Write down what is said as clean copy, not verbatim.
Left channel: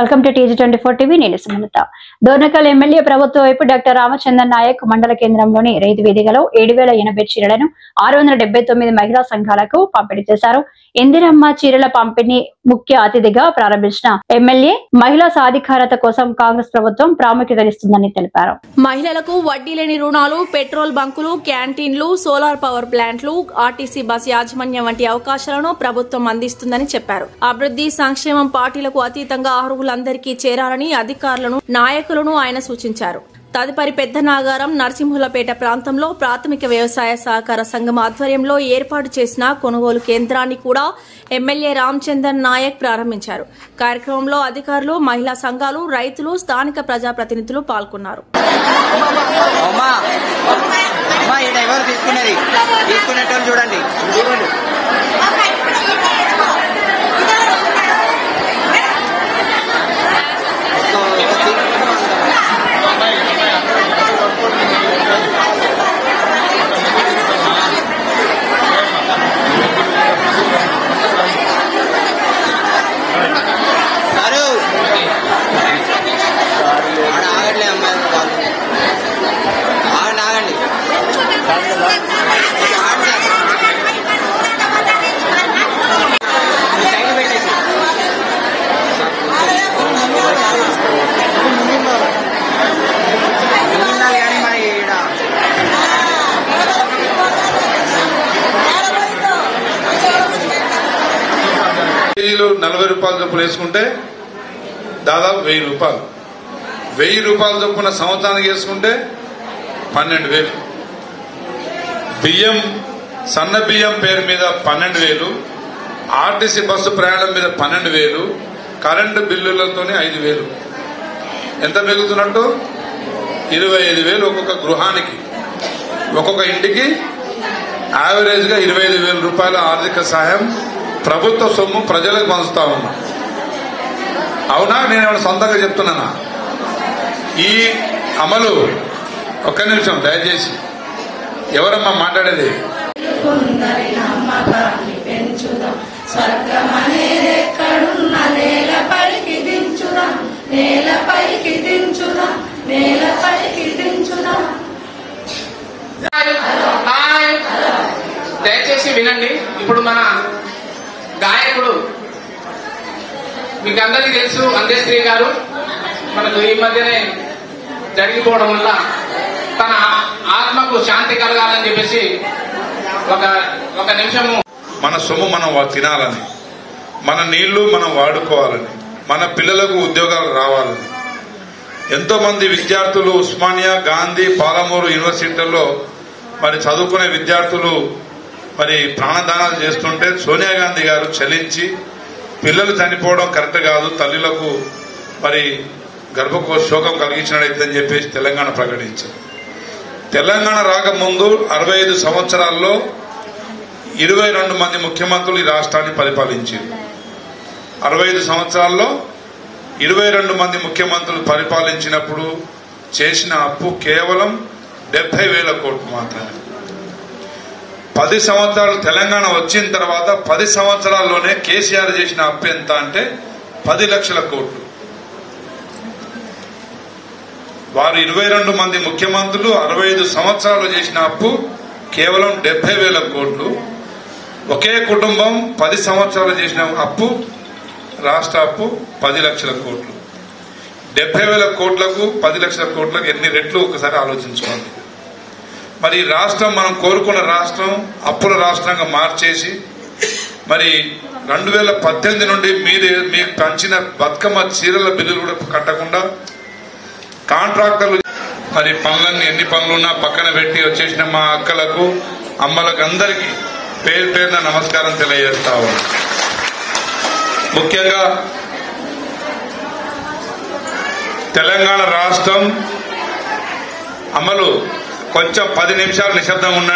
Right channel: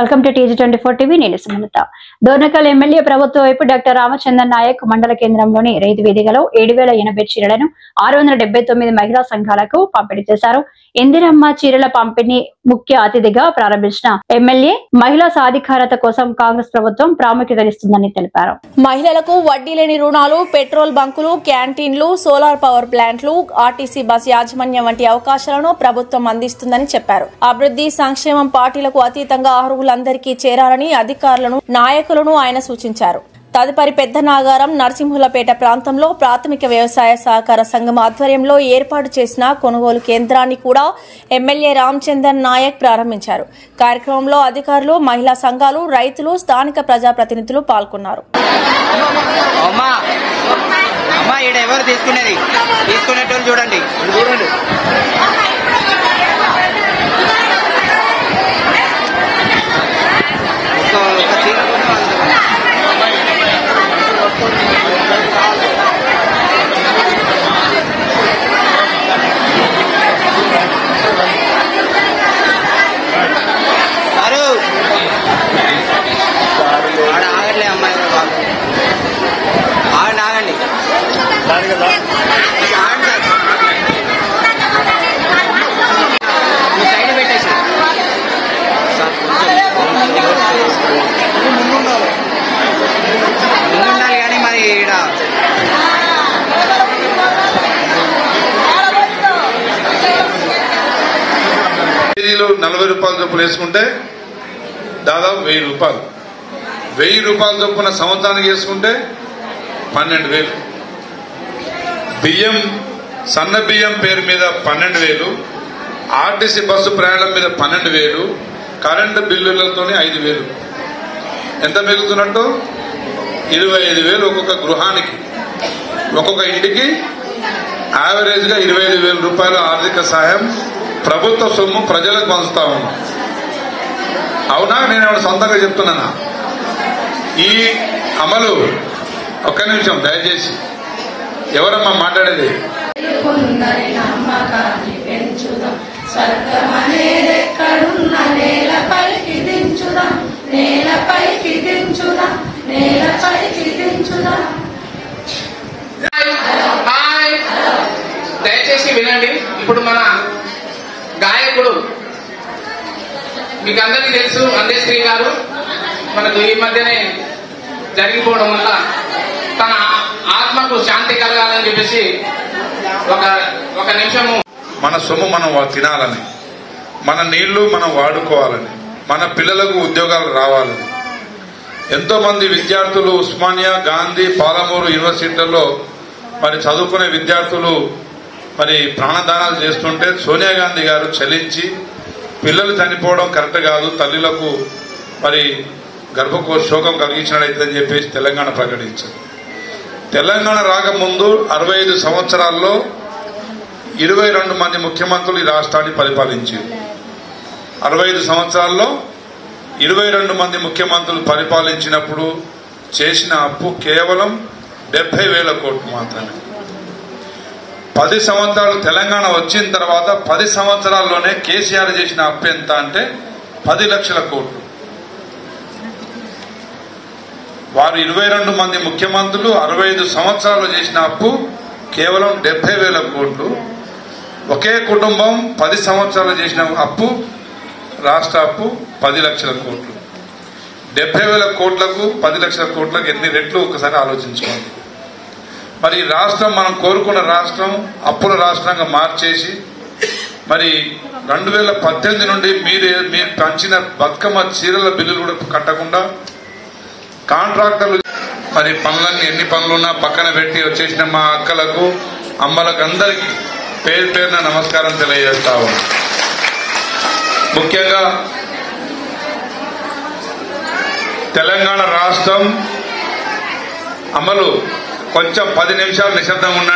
Welcome to TG24 TV. నేను Sumalatha. Dornakal MLA ప్రభుత్వ వైపు డాక్టర్ రామచంద్రన్ నాయక్ మండల కేంద్రంలోని రైతు వేదికలో 7080 చీరలను 679 మహిళా సంఘాలకు పంపిణీ చేశారు. ఇందిరమ్మ చీరల పంపిణీ ముఖ్య అతిథిగా ప్రారంభించిన ఎమ్మెల్యే మహిళా సాధికారత కోసం కాంగ్రెస్ ప్రభుత్వం ప్రాముఖ్యతనిస్తుందని తెలిపారు. మహిళలకు వడ్డీ లేని రుణాలు, పెట్రోల్ బంకులు, క్యాంటీన్లు, సోలార్ పవర్ ప్లాంట్లు, ఆర్టీసీ బస్ యాజమాన్యం వంటి అవకాశాలను ప్రభుత్వం అందిస్తుందని చెప్పారు. అభివృద్ధి సంక్షేమం పార్టీలకు అతీతంగా అర్హులందరికీ చేరాలని అధికారులను, నాయకులను ఆయన సూచించారు. తదుపరి పెద్ద నాగారం, నరసింహులపేట ప్రాంతంలో ప్రాథమిక వ్యవసాయ సహకార సంఘం ఆధ్వర్యంలో ఏర్పాటు చేసిన కొనుగోలు కేంద్రాన్ని కూడా ఎమ్మెల్యే రామచంద్రన్ నాయక్ ప్రారంభించారు. కార్యక్రమంలో అధికారులు, మహిళా సంఘాలు, రైతులు, స్థానిక ప్రజాప్రతినిధులు పాల్గొన్నారు. కేజీలు 40 రూపాయల చొప్పున వేసుకుంటే దాదాపు 1000 రూపాయలు. 1000 రూపాయల చొప్పున సంవత్సరానికి వేసుకుంటే 12,000. బియ్యం, సన్న బియ్యం పేరు మీద 12,000, ఆర్టీసీ బస్సు ప్రయాణం మీద 12,000, కరెంటు బిల్లులతోనే 5,000. ఎంత మిగులుతున్నట్టు? 25,000 ఒక్కొక్క గృహానికి, ఒక్కొక్క ఇంటికి యావరేజ్ గా 25,000 రూపాయల ఆర్థిక సహాయం ప్రభుత్వ సొమ్ము ప్రజలకు పంచుతా ఉన్నాం. అవునా? నేను సొంతంగా చెప్తున్నానా? ఈ అమలు, ఒక్క నిమిషం దయచేసి, ఎవరమ్మా మాట్లాడేది? దయచేసి వినండి. ఇప్పుడు మన గాయకుడు మీకు అందరికీ తెలుసు, అందేశ్రీ గారు మనకు ఈ మధ్యనే జరిగిపోవడం వల్ల తన ఆత్మకు శాంతి కలగాలని చెప్పేసి ఒక నిమిషము మన సొమ్ము మనం తినాలని, మన నీళ్లు మనం వాడుకోవాలని, మన పిల్లలకు ఉద్యోగాలు రావాలని ఎంతో మంది విద్యార్థులు ఉస్మానియా, గాంధీ, పాలమూరు యూనివర్సిటీలలో మరి చదువుకునే విద్యార్థులు మరి ప్రాణదానాలు చేస్తుంటే సోనియా గాంధీ గారు చలించి పిల్లలు చనిపోవడం కరెక్ట్ కాదు, తల్లులకు మరి గర్భకోశ శోకం కలిగించినట్లయితే చెప్పేసి తెలంగాణ ప్రకటించారు. తెలంగాణ రాకముందు 65 సంవత్సరాల్లో 22 మంది ముఖ్యమంత్రులు ఈ రాష్ట్రాన్ని పరిపాలించారు. 65 సంవత్సరాల్లో 22 మంది ముఖ్యమంత్రులు పరిపాలించినప్పుడు చేసిన అప్పు కేవలం 70,000 కోట్లు మాత్రమే. 10 సంవత్సరాలు తెలంగాణ వచ్చిన తర్వాత 10 సంవత్సరాల్లోనే కేసీఆర్ చేసిన అప్పు ఎంత అంటే 10 లక్షల కోట్లు. వారు 22 మంది ముఖ్యమంత్రులు 65 సంవత్సరాలు చేసిన అప్పు కేవలం 70,000 కోట్లు. ఒకే కుటుంబం 10 సంవత్సరాలు చేసిన అప్పు, రాష్ట్ర అప్పు 10 లక్షల కోట్లు. 70,000 కోట్లకు 10 లక్షల కోట్లకు ఎన్ని రెట్లు ఒకసారి ఆలోచించుకోండి. మరి రాష్ట్రం, మనం కోరుకున్న రాష్ట్రం అప్పుల రాష్ట్రంగా మార్చేసి మరి 2018 నుండి మీకు పంచిన బతుకమ్మ చీరల బిల్లులు కూడా కట్టకుండా కాంట్రాక్టర్లు మరి పనులన్నీ, ఎన్ని పనులున్నా పక్కన పెట్టి వచ్చేసిన మా అక్కలకు, అమ్మలకు అందరికీ పేరు పేరున నమస్కారం తెలియజేస్తాము. ముఖ్యంగా తెలంగాణ రాష్ట్రం అమలు కొంచెం 10 నిమిషాలు నిశ్శబ్దంగా